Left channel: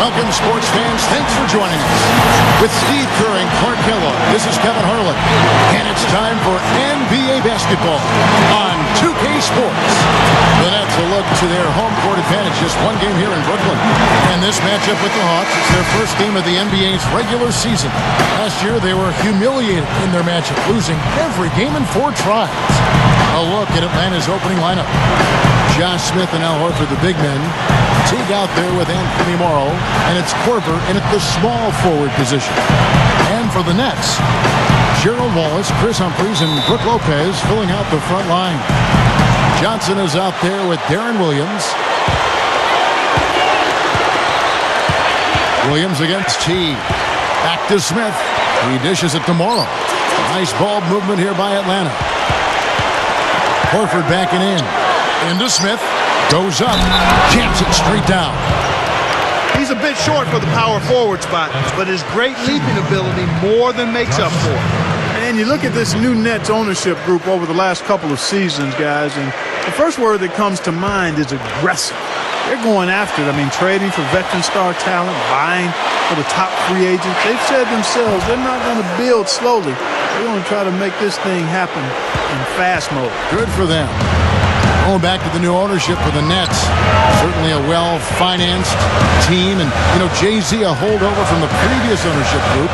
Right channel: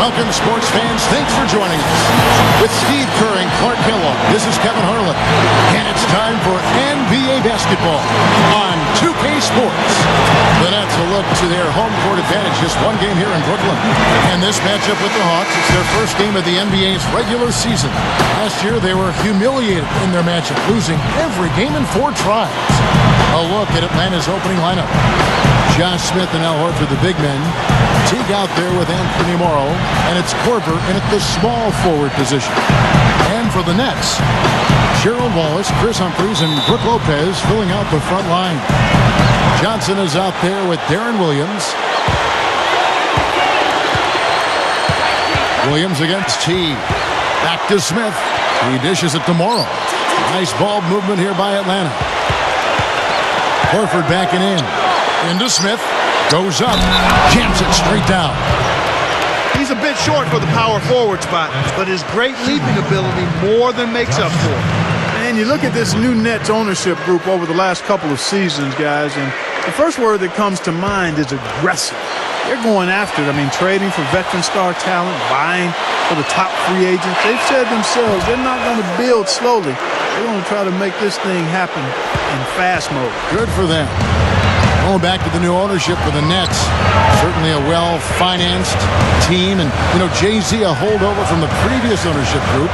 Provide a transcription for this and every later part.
Welcome, sports fans. Thanks for joining us. With Steve Kerr and Clark Kellogg, this is Kevin Harlan. And it's time for NBA basketball on 2K Sports. The Nets will look to their home court advantage. Just one game here in Brooklyn. And this matchup with the Hawks, it's their first game of the NBA's regular season. Last year, they were humiliated in their matchup, losing every game in 4 tries. A look at Atlanta's opening lineup. Josh Smith and Al Horford, the big men. Teague out there with Anthony Morrow, and it's Korver in at the small forward position. And for the Nets, Gerald Wallace, Chris Humphries, and Brook Lopez filling out the front line. Johnson is out there with Darren Williams. Williams against Teague. Back to Smith. He dishes it to Morrow. Nice ball movement here by Atlanta. Horford backing in. Into Smith. Goes up. Jams it straight down. He's a bit short for the power forward spot, but his great leaping ability more than makes up for it. And you look at this new Nets ownership group over the last couple of seasons, guys, and the first word that comes to mind is aggressive. They're going after it. I mean, trading for veteran star talent, buying for the top free agents. They've said themselves they're not going to build slowly. They're going to try to make this thing happen in fast mode. Good for them. Going back to the new ownership for the Nets. Certainly a well-financed team. And, Jay-Z, a holdover from the previous ownership group.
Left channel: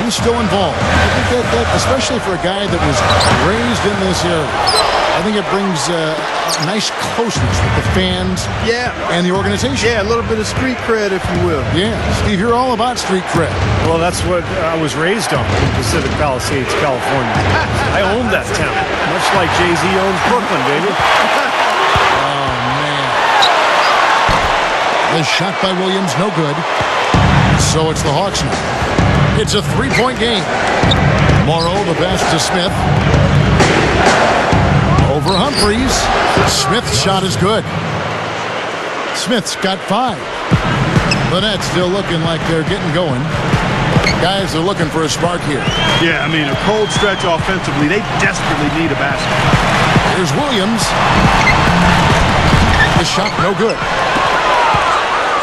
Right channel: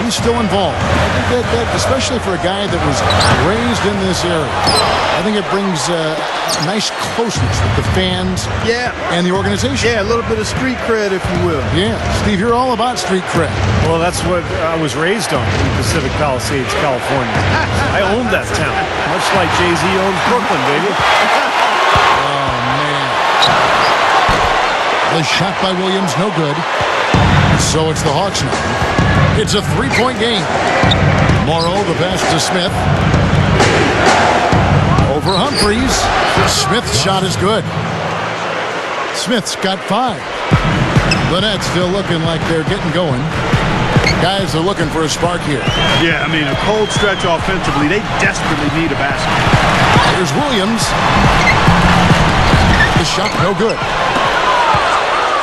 He's still involved. I think that especially for a guy that was raised in this area, I think it brings a nice closeness with the fans and the organization. Yeah, a little bit of street cred, if you will. Yeah, Steve, you're all about street cred. Well, that's what I was raised on in Pacific Palisades, California. I owned that town, much like Jay-Z owns Brooklyn, baby. Oh, man. The shot by Williams, no good. So it's the Hawks now. It's a 3-point game. Morrow, the pass to Smith. Over Humphries. Smith's shot is good. Smith's got 5. The Nets still looking like they're getting going. Guys are looking for a spark here. Yeah, I mean, a cold stretch offensively. They desperately need a basket. Here's Williams. The shot no good.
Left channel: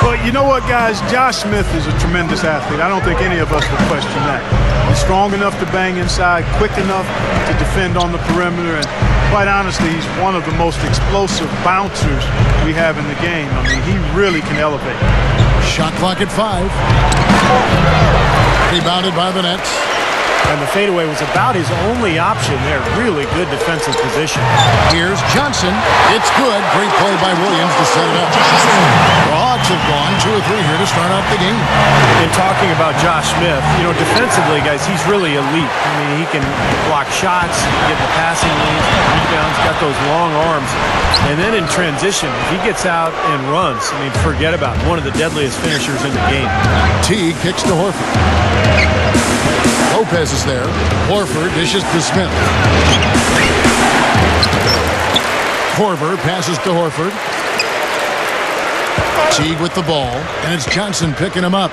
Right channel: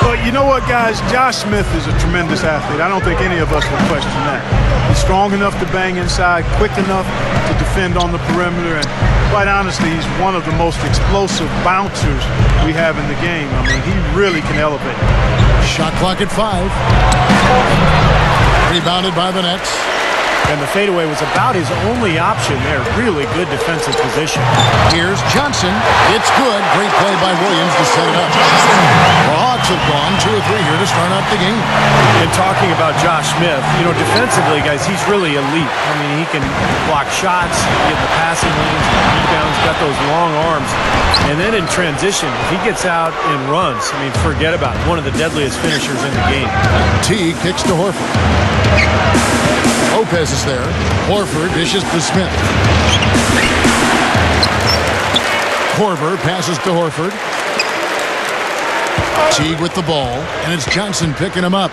Well, you know what, guys? Josh Smith is a tremendous athlete. I don't think any of us would question that. He's strong enough to bang inside, quick enough to defend on the perimeter, and quite honestly, he's one of the most explosive bouncers we have in the game. I mean, he really can elevate. Shot clock at 5. Rebounded by the Nets. And the fadeaway was about his only option there. Really good defensive position. Here's Johnson. It's good. Great play by Williams to set it up. The Hawks have gone 2 or 3 here to start out the game. And talking about Josh Smith, defensively, guys, he's really elite. I mean, he can block shots, get in the passing lanes, rebounds, got those long arms. And then in transition, if he gets out and runs, I mean, forget about it. One of the deadliest finishers in the game. Teague kicks to Horford. Lopez is there. Horford dishes to Smith. Korver passes to Horford. Teague with the ball, and it's Johnson picking him up.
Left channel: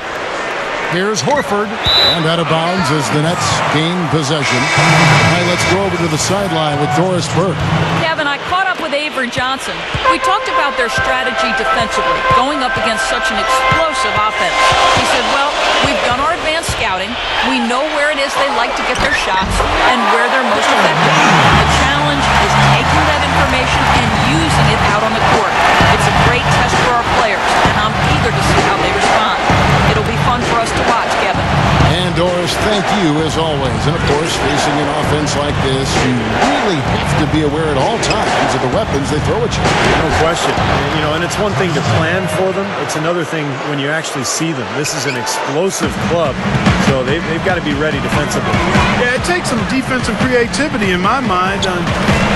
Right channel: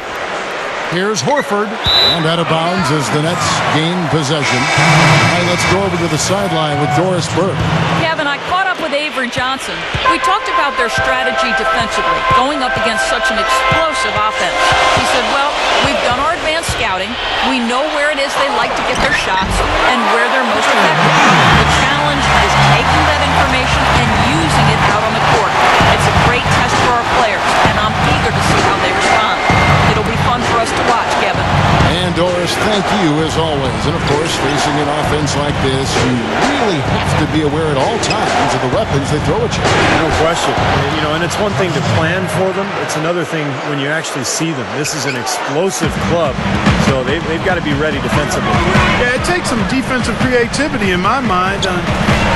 Here's Horford, and out of bounds as the Nets gain possession. All right, let's go over to the sideline with Doris Burke. Kevin, I caught up with Avery Johnson. We talked about their strategy defensively, going up against such an explosive offense. He said, well, we've done our advanced scouting. We know where it is they like to get their shots and where they're most effective. The challenge is taking that information and using it out on the court. It's a great test for our players, and I'm eager to see how they respond. It'll be fun for us to watch, Kevin. And Doris, thank you as always. And of course, facing an offense like this, you really have to be aware at all times of the weapons they throw at you. No question. And it's one thing to plan for them. It's another thing when you actually see them. This is an explosive club, so they've got to be ready defensively. Yeah, it takes some defensive creativity in my mind.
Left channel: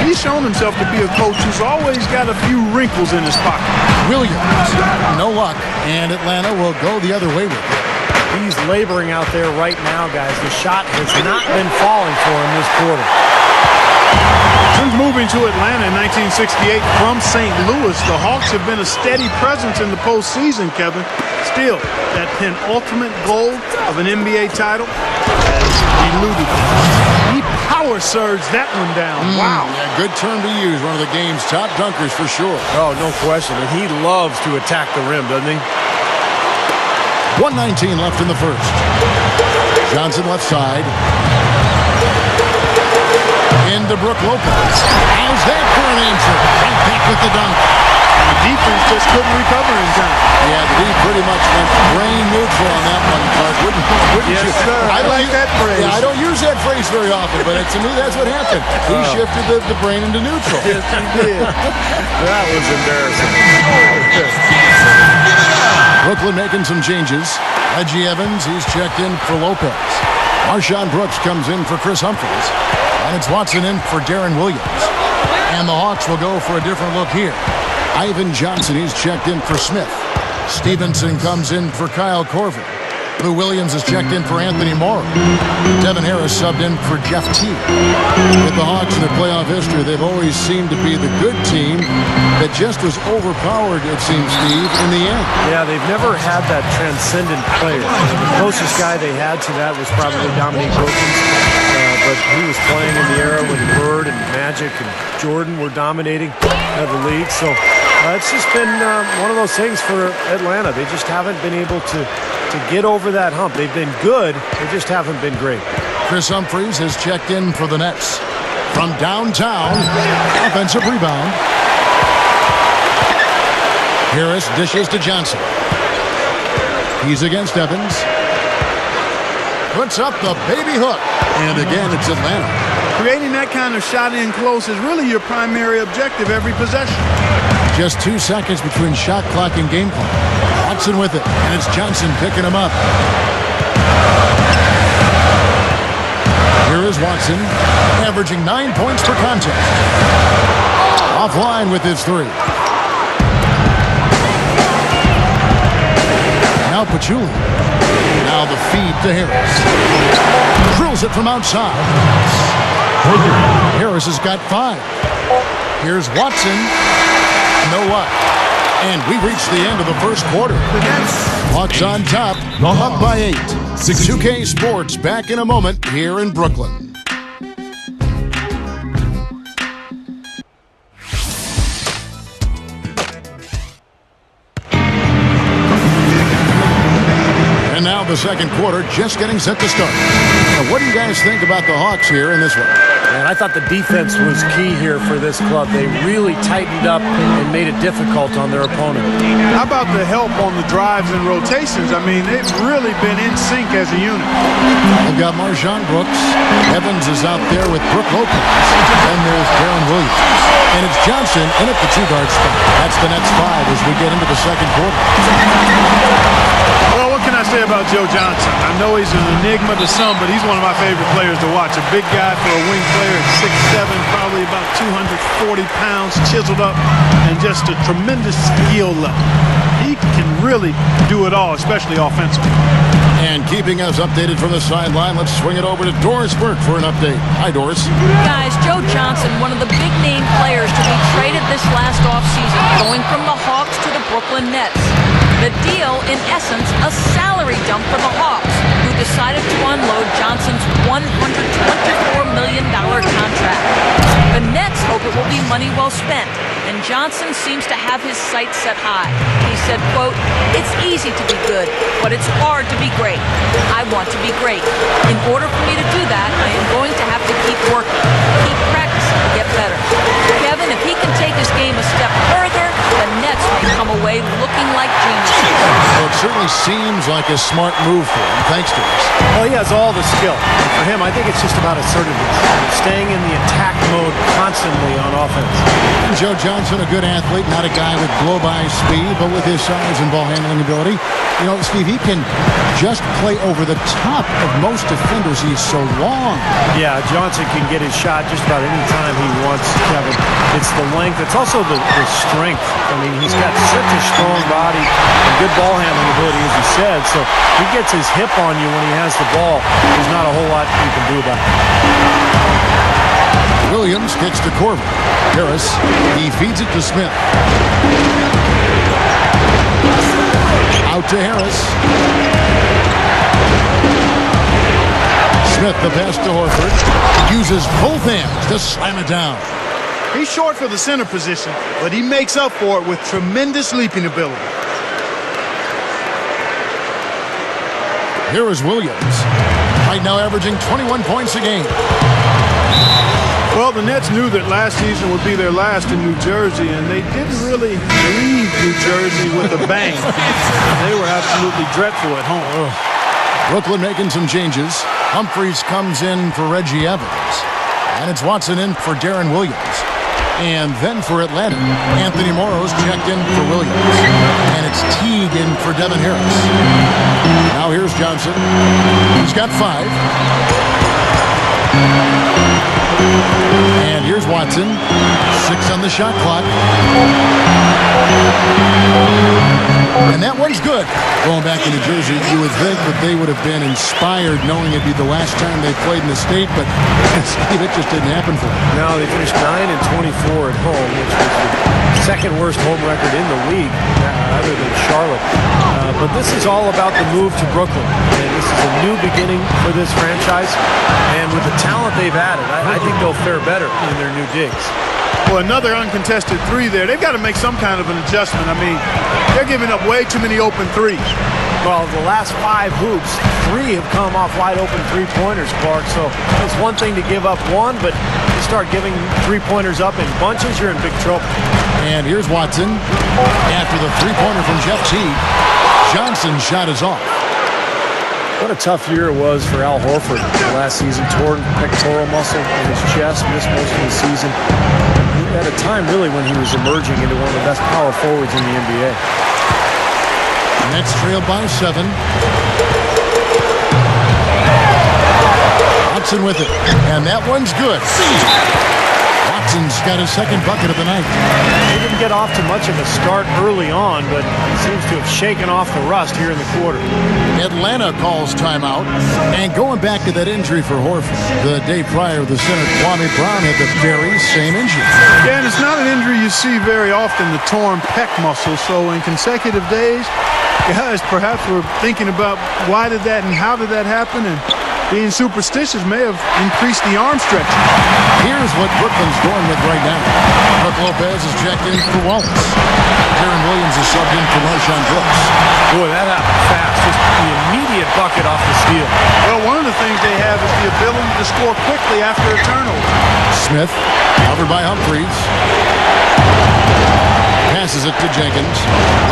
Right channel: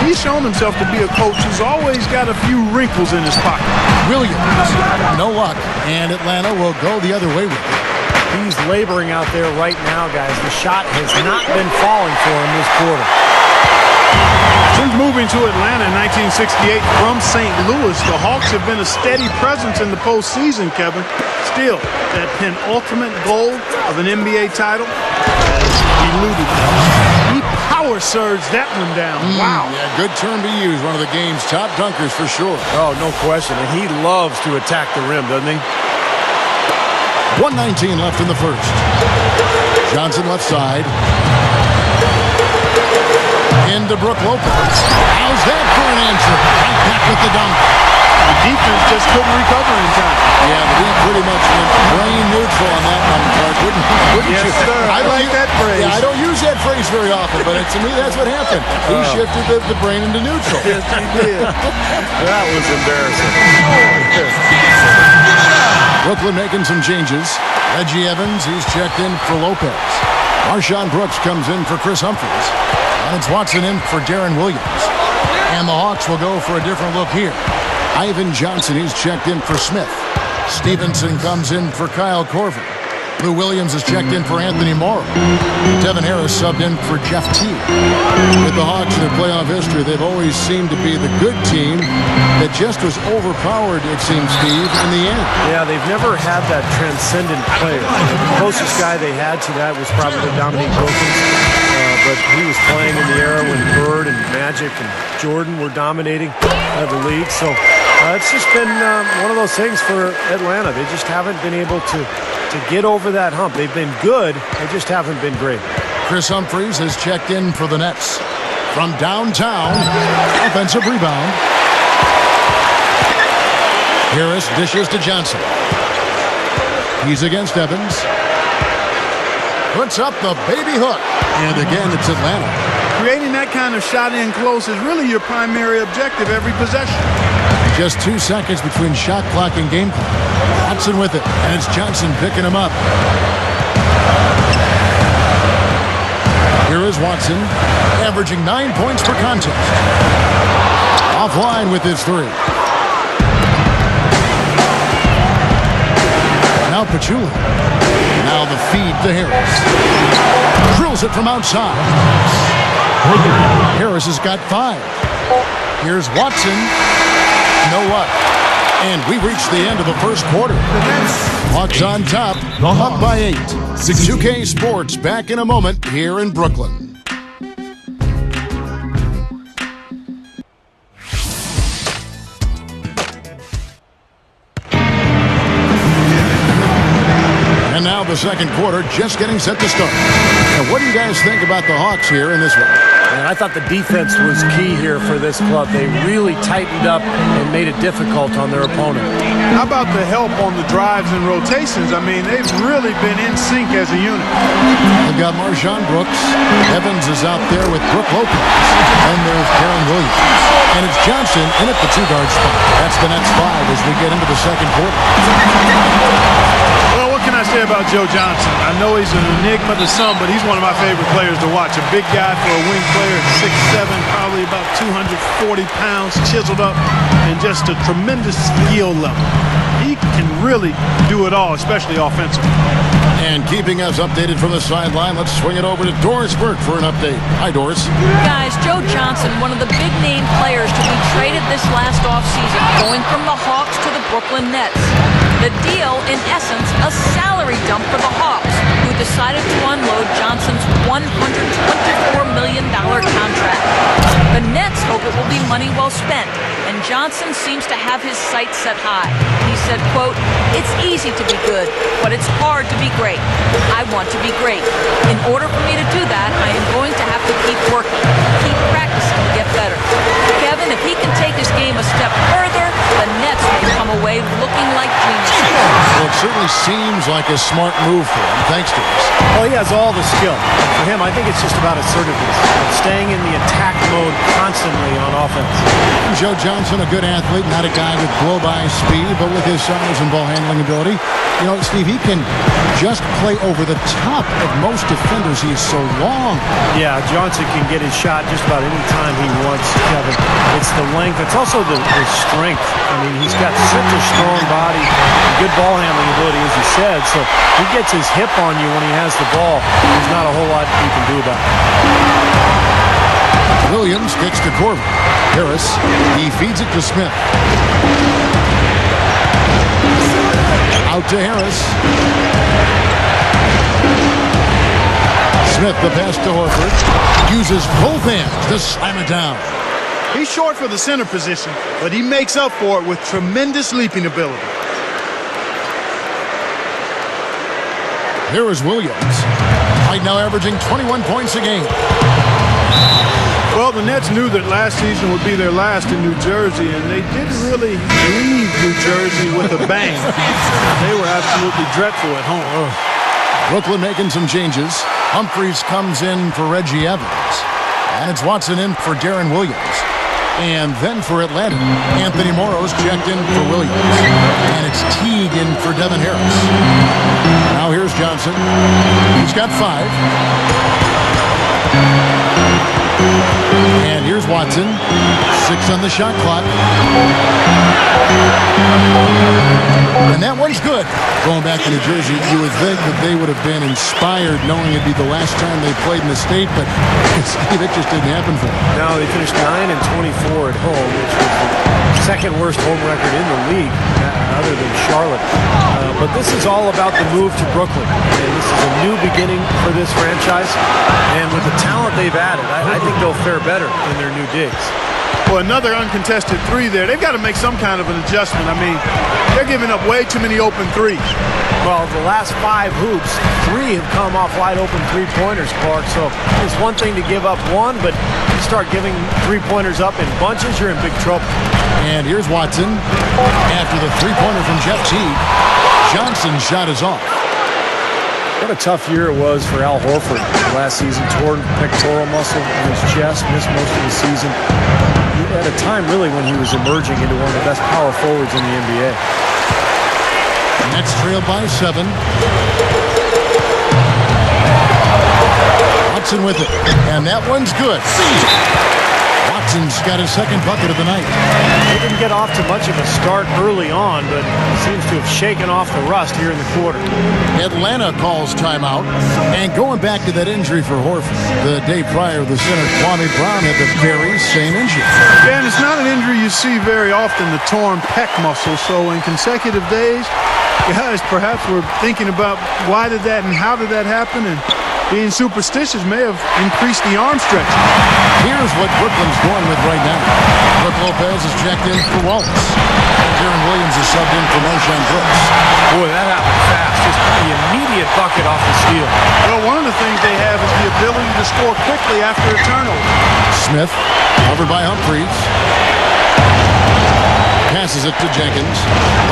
He's shown himself to be a coach who's always got a few wrinkles in his pocket. Williams, no luck, and Atlanta will go the other way with it. He's laboring out there right now, guys. The shot has not been falling for him this quarter. Since moving to Atlanta in 1968 from St. Louis, the Hawks have been a steady presence in the postseason, Kevin. Still, that penultimate goal of an NBA title has eluded them. He power surged that one down. Wow. Yeah, good term to use. One of the game's top dunkers for sure. Oh, no question. And he loves to attack the rim, doesn't he? 1:19 left in the first. Johnson left side. Into Brook Lopez. How's that for an answer? Right back with the dunk. The defense just couldn't recover in time. Yeah, the D pretty much went brain neutral on that one, Clark. Wouldn't yes, you? Sir. I like that phrase. Yeah, I don't use that phrase very often, but to me, that's what happened. He shifted the brain into neutral. Yes, he did. That was embarrassing. Brooklyn making some changes. Reggie Evans, he's checked in for Lopez. Marshawn Brooks comes in for Chris Humphries. And it's Watson in for Darren Williams. And the Hawks will go for a different look here. Ivan Johnson, he's checked in for Smith. Stevenson comes in for Kyle Korver. Lou Williams is checked in for Anthony Morrow. Devin Harris subbed in for Jeff Teague. With the Hawks in their playoff history, they've always seemed to be the good team that just was overpowered, it seems, Steve, in the end. Yeah, they've never had that transcendent player. The closest guy they had to that was probably Dominique Wilkins. But he was playing in the era when Bird and Magic and Jordan were dominating the league. So it's just been one of those things for Atlanta. They just haven't been able to get over that hump. They've been good. They just haven't been great. Chris Humphries has checked in for the Nets. From downtown, offensive rebound. Harris dishes to Johnson. He's against Evans. Puts up the baby hook. And again, it's Atlanta. Creating that kind of shot in close is really your primary objective every possession. Just 2 seconds between shot clock and game clock. Watson with it, and it's Johnson picking him up. Here is Watson, averaging 9 points per contest. Offline with his three. Now Pachulia. Now the feed to Harris. Drills it from outside. Harris has got 5. Here's Watson. No up. And we reach the end of the first quarter. Hawks on top, up by 8. 2K Sports back in a moment here in Brooklyn. And now the second quarter just getting set to start. Now, what do you guys think about the Hawks here in this one? And I thought the defense was key here for this club. They really tightened up and made it difficult on their opponent. How about the help on the drives and rotations? I mean, they've really been in sync as a unit. They've got Marshawn Brooks. Evans is out there with Brook Lopez. Then there's Darren Williams. And it's Johnson in at the 2-guard spot. That's the Nets 5 as we get into the second quarter. Well, what can I say about Joe Johnson? I know he's an enigma to some, but he's one of my favorite players to watch. A big guy for a wing player at 6'7", probably about 240 pounds, chiseled up, and just a tremendous skill level. He can really do it all, especially offensively. And keeping us updated from the sideline, let's swing it over to Doris Burke for an update. Hi, Doris. Guys, Joe Johnson, one of the big-name players to be traded this last offseason, going from the Hawks to the Brooklyn Nets. The deal, in essence, a salary dump for the Hawks, who decided to unload Johnson's $124 million contract. The Nets hope it will be money well spent, and Johnson seems to have his sights set high. He said, quote, "It's easy to be good, but it's hard to be great. I want to be great. In order for me to do that, I am going to have to keep working, keep practicing to get better." Kevin, if he can take his game a step further, the Nets may come away looking like geniuses. Well, it certainly seems like a smart move for him. Thanks, Doris. Well, he has all the skill. And for him, I think it's just about assertiveness. Staying in the attack mode constantly on offense. And Joe Johnson, a good athlete, not a guy with blow-by speed, but with his size and ball handling ability. You know, Steve, he can just play over the top of most defenders. He's so long. Yeah, Johnson can get his shot just about any time he wants, Kevin. It's the length. It's also the strength. I mean, he's got such a strong body and good ball handling ability, as you said. So he gets his hip on you when he has the ball. There's not a whole lot you can do about it. Williams kicks to Korver. Harris, he feeds it to Smith. Out to Harris. Smith, the pass to Horford. Uses both hands to slam it down. He's short for the center position, but he makes up for it with tremendous leaping ability. Here is Williams. Right now averaging 21 points a game. Well, the Nets knew that last season would be their last in New Jersey, and they didn't really leave New Jersey with a bang. They were absolutely dreadful at home. Brooklyn making some changes. Humphries comes in for Reggie Evans. And it's Watson in for Darren Williams. And then for Atlanta, Anthony Morrow's checked in for Williams. And it's Teague in for Devin Harris. Now here's Johnson. He's got 5. And here's Watson. 6 on the shot clock. And that one's good. Going back to New Jersey, you would think that they would have been inspired knowing it'd be the last time they played in the state, but Steve, it just didn't happen for them. No, they finished 9-24 at home, which was the second worst home record in the league, other than Charlotte. But this is all about the move to Brooklyn, and this is a new beginning for this franchise. And with the talent they've added, I think they'll fare better in their new digs. Well, another uncontested 3 there. They've got to make some kind of an adjustment. I mean, they're giving up way too many open 3s. Well, the last 5 hoops, 3 have come off wide open 3-pointers, Clark. So it's one thing to give up 1, but you start giving 3-pointers up in bunches, you're in big trouble. And here's Watson. After the 3-pointer from Jeff Teague, Johnson's shot is off. What a tough year it was for Al Horford last season. Torn pectoral muscle in his chest, missed most of the season. At a time, really, when he was emerging into one of the best power forwards in the NBA. Nets trailed by 7. Watson with it. And that one's good. Watson's got his second bucket of the night. He didn't get off to much of a start early on, but he seems to have shaken off the rust here in the quarter. Atlanta calls timeout. And going back to that injury for Horford, the day prior, the center Kwame Brown had the very same injury. Yeah, and it's not an injury you see very often, the torn pec muscle. So in consecutive days, guys perhaps were thinking about why did that and how did that happen, and being superstitious may have increased the arm stretches. Here's what Brooklyn's going with right now. Brook Lopez is checked in for Wallace. And Darren Williams is subbed in for Marshawn Brooks. Boy, that happened fast. Just the immediate bucket off the steal. Well, one of the things they have is the ability to score quickly after a turnover. Smith, covered by Humphries. Passes it to Jenkins.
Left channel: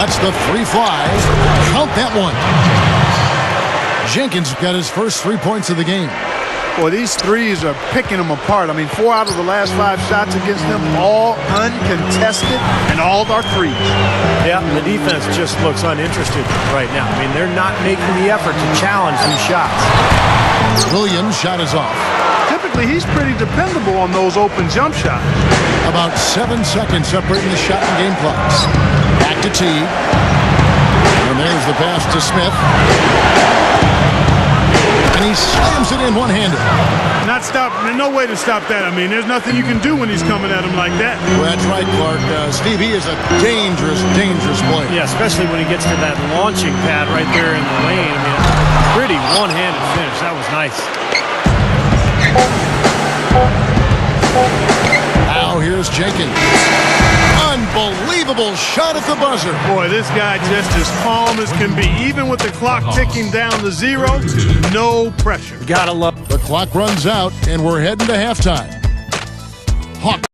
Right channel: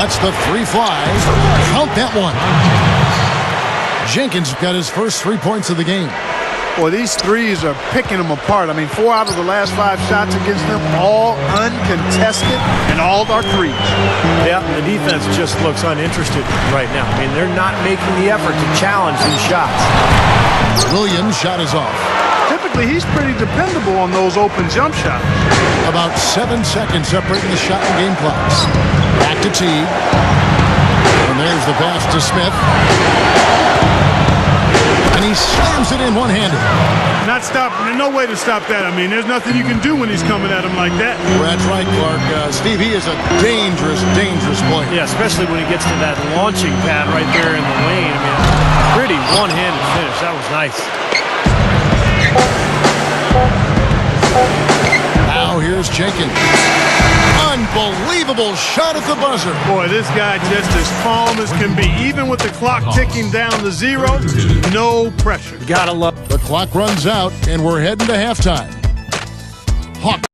Lets the 3 fly. Count that one. Jenkins got his first 3 points of the game. Boy, these 3s are picking them apart. I mean, 4 out of the last 5 shots against them, all uncontested, and all are 3s. Yeah, the defense just looks uninterested right now. I mean, they're not making the effort to challenge these shots. Williams' shot is off. Typically, he's pretty dependable on those open jump shots. About 7 seconds separating the shot and game clocks. Back to Teague. And there's the pass to Smith. And he slams it in one-handed. Not stop. There's no way to stop that. I mean, there's nothing you can do when he's coming at him like that. Well, that's right, Clark. Steve, he is a dangerous, dangerous player. Yeah, especially when he gets to that launching pad right there in the lane. I mean, pretty one-handed finish. That was nice. Now here's Jenkins. Unbelievable shot at the buzzer. Boy, this guy just as calm as can be. Even with the clock ticking down to 0, no pressure. Gotta love. The clock runs out, and we're heading to halftime. Hawk.